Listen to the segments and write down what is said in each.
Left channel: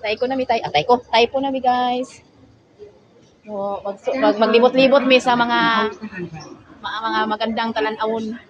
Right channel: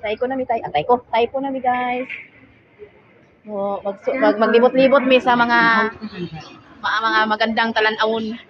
Tayo na mi tayo. Tayo po na mi guys. So, maglibot-libot mi sa mga magandang talan-awon.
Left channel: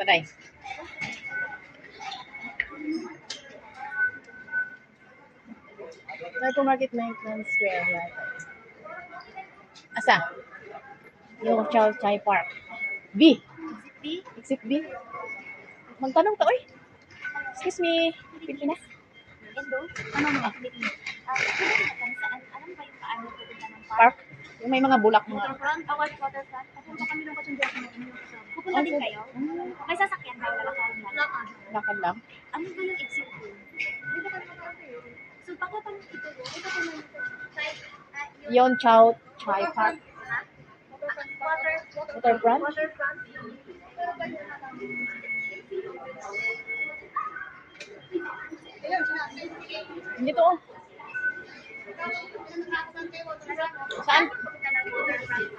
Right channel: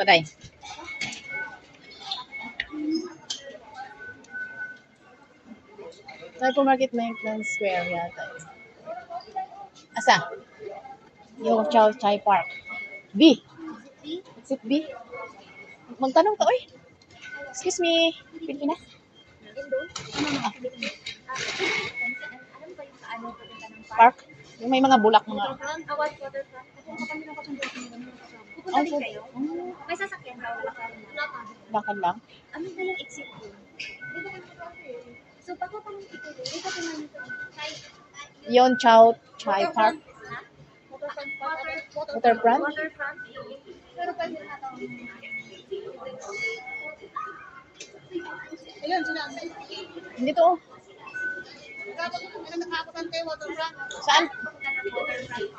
Paday. Hypermarket Mainland Square yata. Asa? Yung Chai Park. B. Exit B. Magtanong ka, oy. Excuse me. Pili na. Park. Yung may mga bulak mga. Waterfront? Waterfront. Pupunta kami ng Katunduak ngayon. Pupunta din kayo? May sasakyan ba? Lakad lang. Ano ba yung exit ko? So, baka pa lang ito doon. Ito pa lang ito. Yon Chai Park. Waterfront? Waterfront. Pero pwede na lang. Ayun, sinabi. Hindi to. Saan?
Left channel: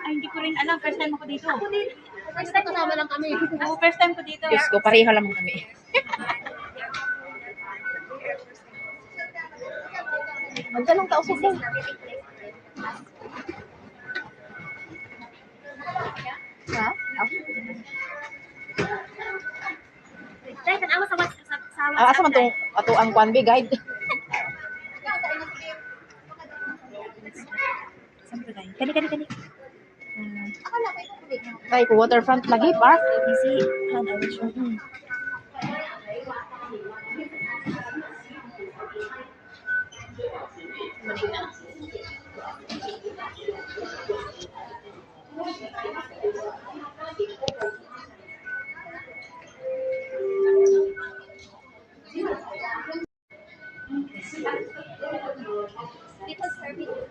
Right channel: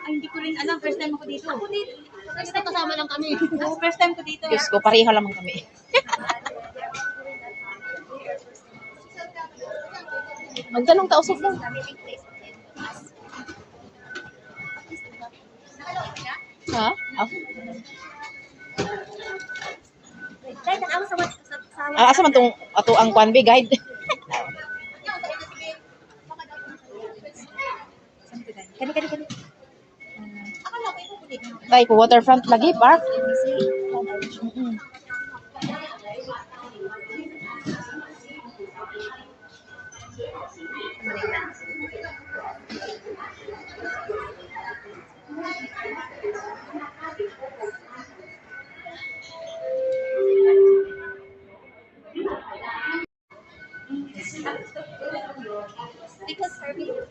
Ay, hindi ko rin alam. First time ako dito. Ako din. First time kasama lang kami. Oo, first time ko dito. Diyos ko, pareho lamang kami. Magtanong ka, usap lang. Ha? Oh. Dahil tanawa sa WhatsApp. Asa man tong ato ang Kwanbi guide? Kani. Kay ko waterfront lagi park. Maning na. Because service.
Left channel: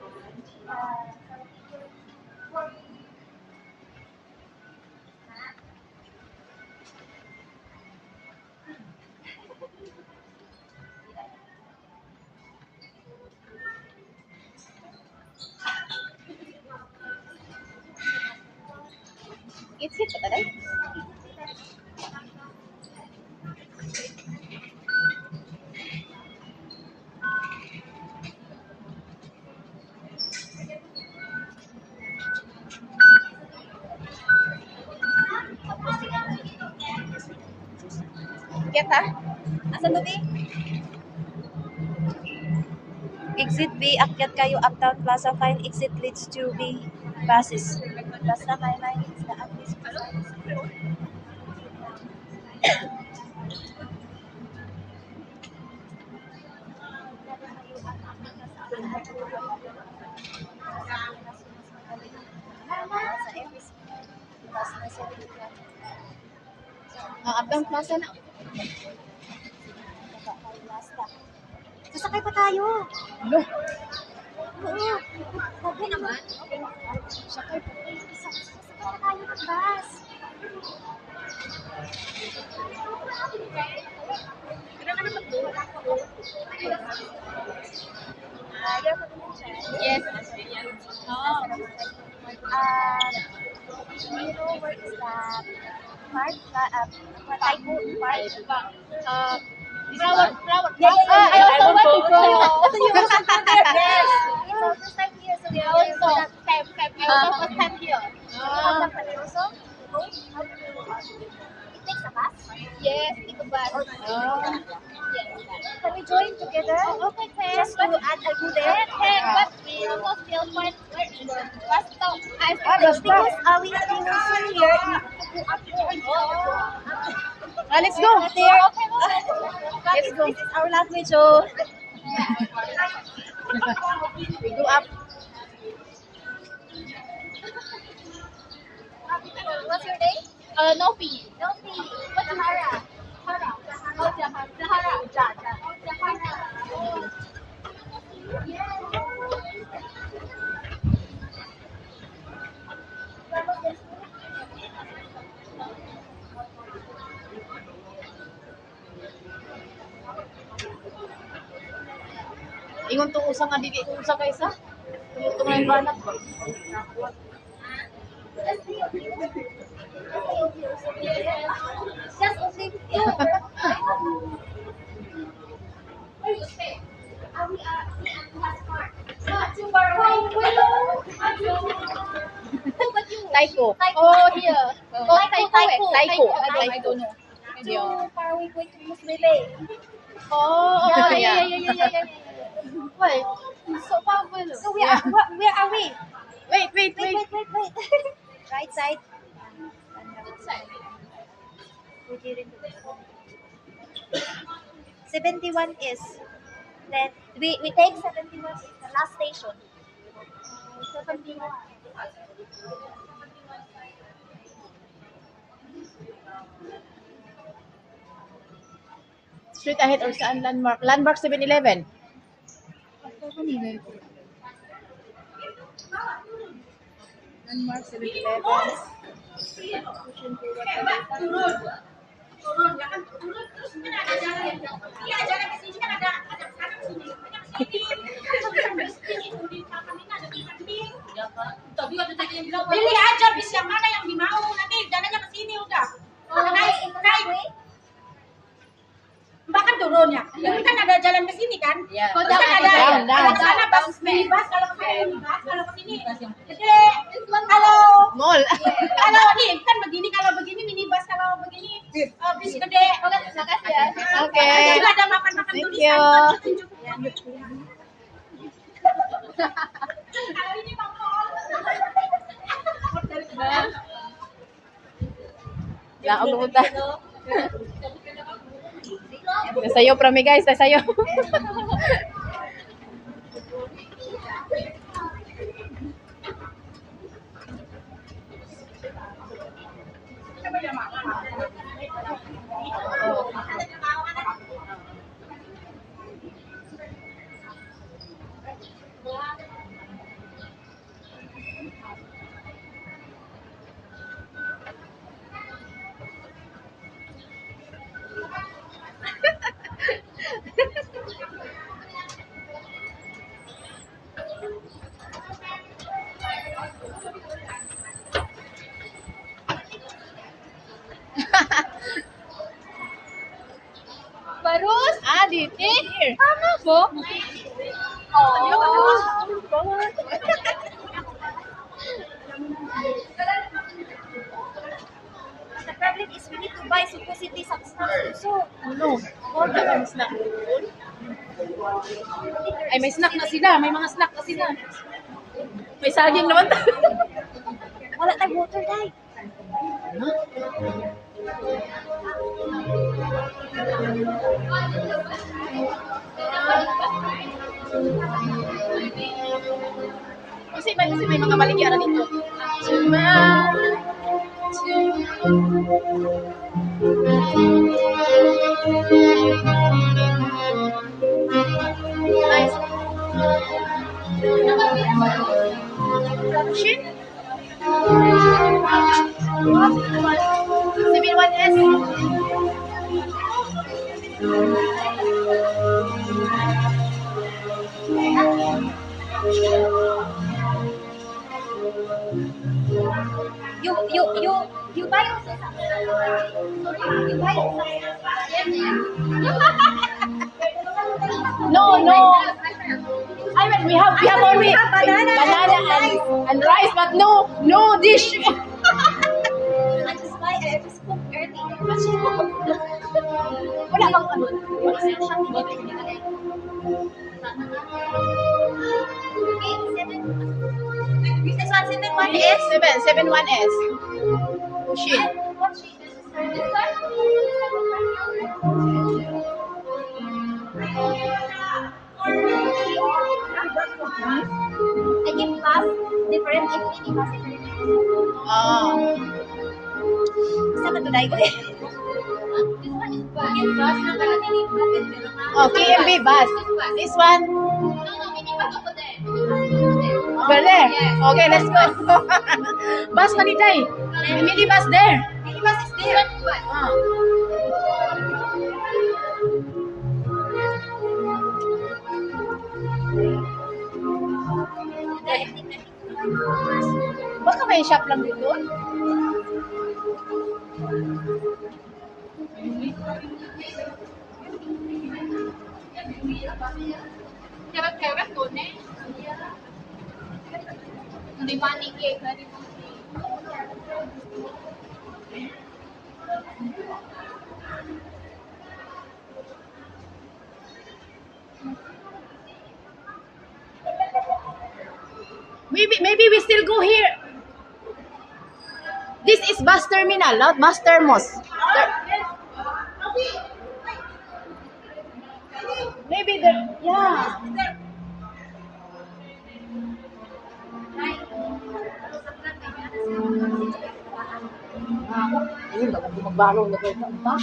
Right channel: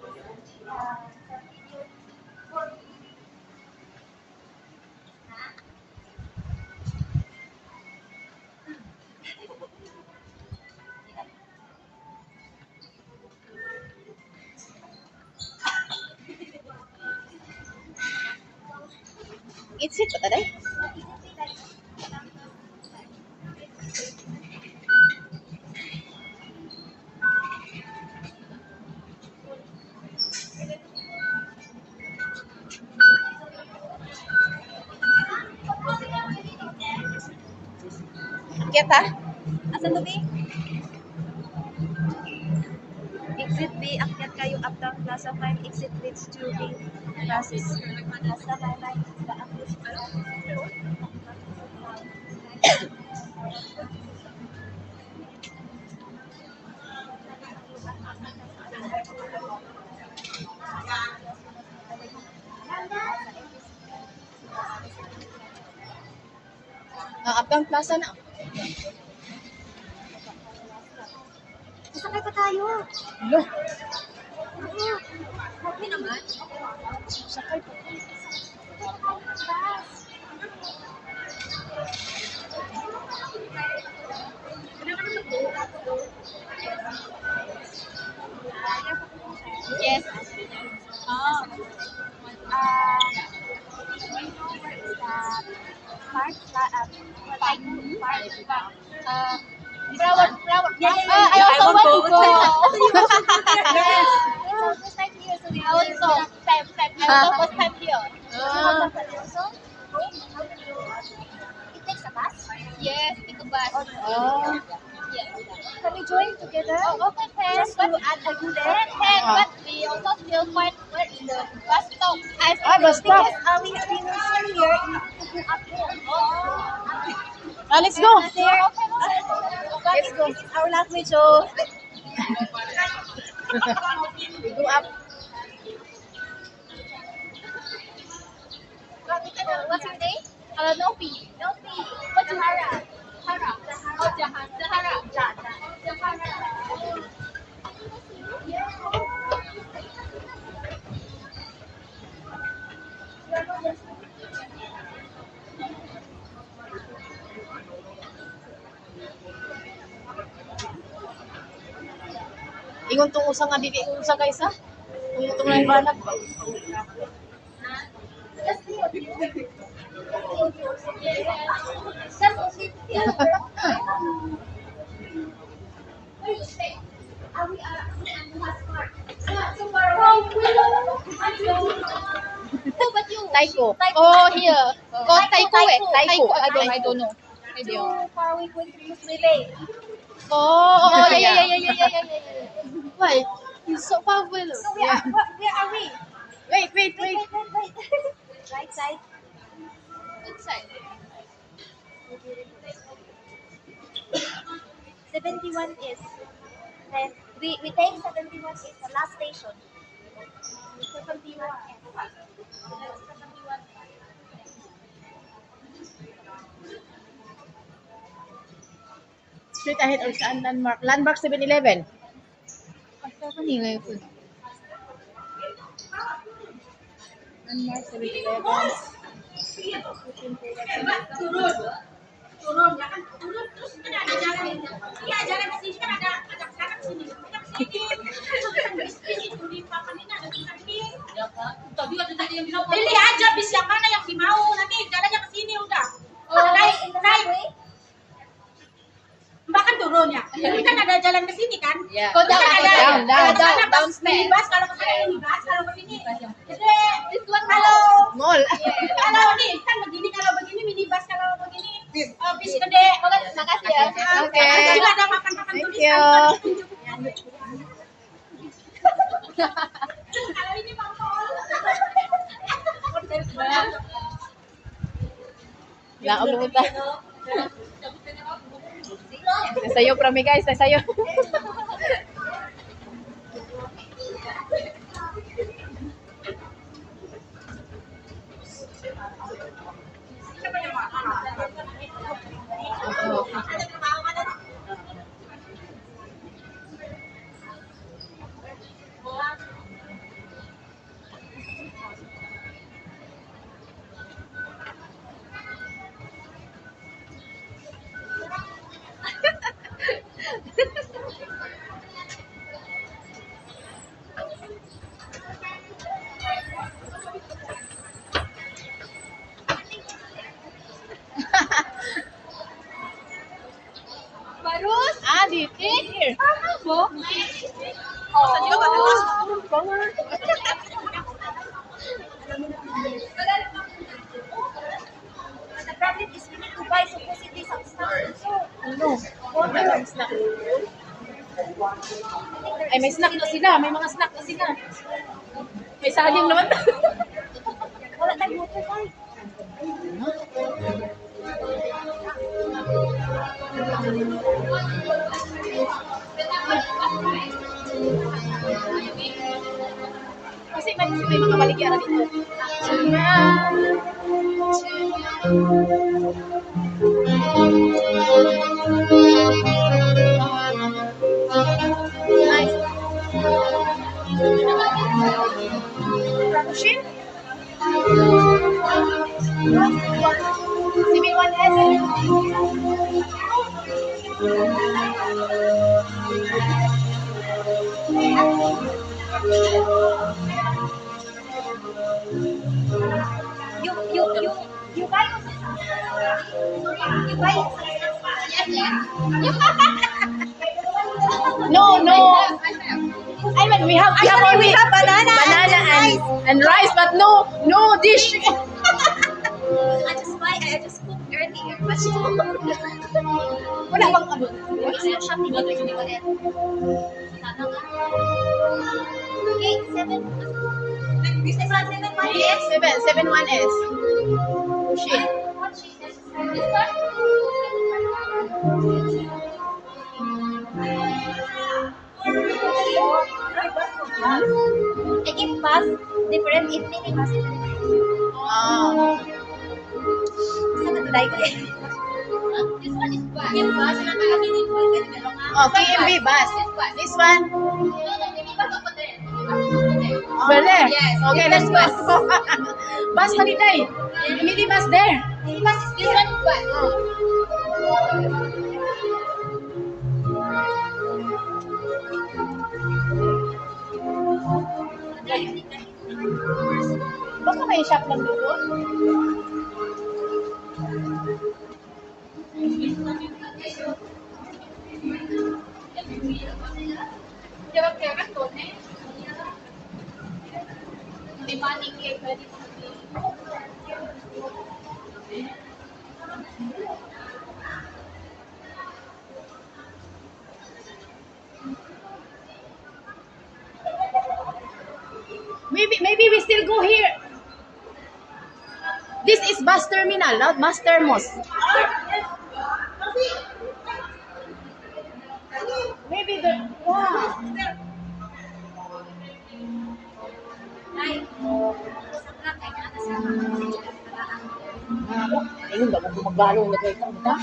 It's it pa taday. Kita? Asan to, B? Exit B, akyat kayo Uptown Plaza 5. Exit leads to B buses. Basta may line sa at least. Uptown Plaza na. Sasakay pa tayo. Lo, Oo. Okay naman. sakay pa. Yes. Oh. You know what is that? Park? Flower. Yeah. I also want to go. Yes. It's our first time here, so we are also I also first time here. It takes a bus? Yes, it's a bus. Can we join together? Okay. Just go and I do there. But we also still quite in the bus stop. Bus stop. Because we will swim here. We have to go up there. Let's go. There. Okay. Let's go. This is our language, so We go up. What's your name? Nopi. Nopi. What's Zahara? Zahara. Oh, Zahara. Zahara. Zahara. Oh. Ingon tong usa nga dili usa ka isa. Tong lang banat ba? That's only Where you stay? We are in Passport. Not too far away. Oh, but you. Taiko. Oh, here. Oh, Taiko. Taiko. I don't know. Maybe. Too far away going to Muslim. Oh, Yeah. yeah. Why? It's so powerful. So Yeah. where are we? Wait. Wait. Right side. Which side? 71 is. Then we take 71 is the last station. 71. Street ahead or saan landmark? Landmark 7-Eleven. Landmark 7-Eleven. Turun, ya kan turun terus kan ada jalan. Iya, jalan ke sini kan ada sana ke sini. Banyak ke sini. Bis itu di papan ini ada bis ini. Ya kan. Tadi ada tadi yang bilang pilih aja bis yang mana yang dimau. Nanti jalannya ke sini udah. Naik. Mbak kan turun ya. Ini kan ada jalan ke sini kan? Yeah. Terus kan ada Down. Kalau ke sana Down bus minibus, kalau ke sana minibus, kalau ke sini. Jadi one kalau Mall. kalau nih kan begini, kalau begini minibus, kalau begini bis gede. Makasih ya. Oke. Nanti juga ada papan-papan Thank tulisan. you. Kalau ini mall. Laog lumunta. Sayo prami guys, sayo. Barus. Adit, here. Mo? The problem is we need to buy supposedly some stuff. So No. Wala bang snack? Ay, may snack na sila. May mga snack na sila. May saging naman. wala tayong water guys. Kasi may mga baligyan na dito. Nice. Rapture? 7-1S. You buy you buy No. I mean, we have only we have banana and rice, but no dish. I just cooked earlier. Wala bang ano? Okay, 7. This is 171 is 7-1S. Push it. what she says. This one? I give bus different if mini bus different. Ah. Saan ka tulay ko eh? This one is bus. Give bus na kaya mini bus. Oh, KMB bus. This one. No, mini bus over there. Over there. Bale. Yes. Okay, let's go. Bus na nitay. Mini bus there. Mini bus is This there. one bus. Ah. Baka may shop lang dito. Karat-karat to, ne? Di maning cake na dito. Maybe we still go here. This is bus terminal, not bus termos. Maybe the yeah. Ayun ba kung magbalo na kayo ta?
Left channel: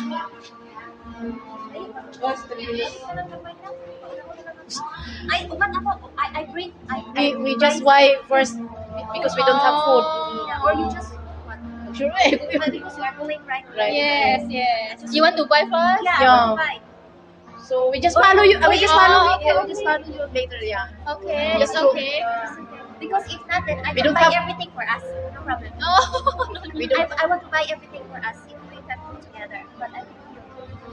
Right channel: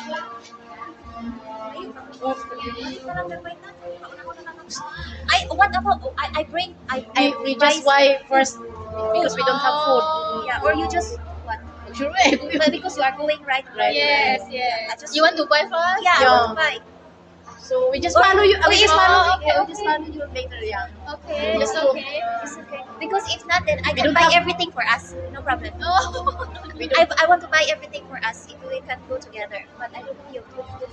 What about I bring We just buy first because we don't have food. yeah, or you just what? Sure eh. But because you are going right. Yes, I yes. just You want to buy first? yeah, Yeah. I want to buy. So we just follow you. We just follow. okay, Yeah, we just follow you later. Yeah. Okay, Just it's go. okay. It's okay. Because if not, then I We can don't buy have- everything for us. No problem. Oh. We don't. I want to buy everything for us if we can go together. But I don't know you.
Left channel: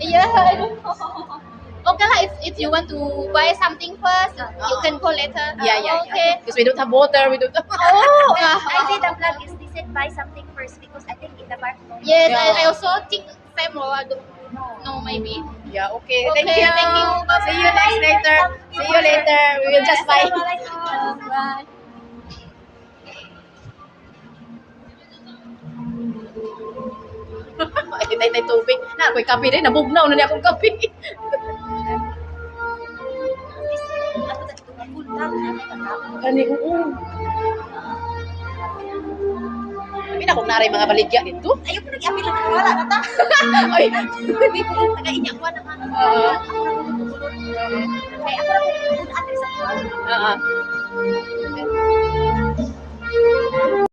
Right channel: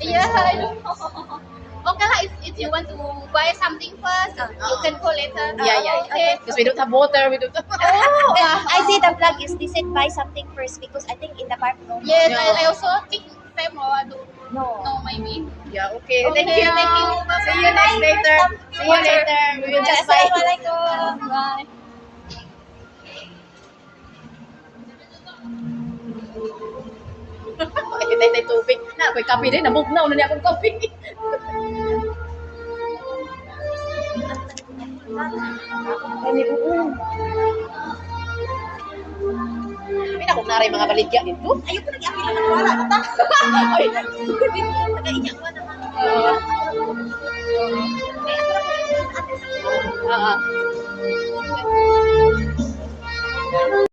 Yeah, I don't know. Okay lah, if you want to buy something first, you can call later. Yeah. Okay. Because we don't have water. We don't have. Oh, I see the vlog is they said buy something first because I think in the park. yes, Yeah. I also think same or I don't No. know maybe. Yeah. Okay. Okay, Thank you. thank you. See you next later. See you later. We will just buy. Assalamualaikum. Bye. Tay tubig. Na ako'y kape din. Nabugnaw na niya akong kape. Kani oo. May nakong naray mga baligya dito. Ayoko nag-apil naman wala na ta. Ay. Hindi ko nag-iyak pa naman. Ay, ako lang kung ano sa Ah.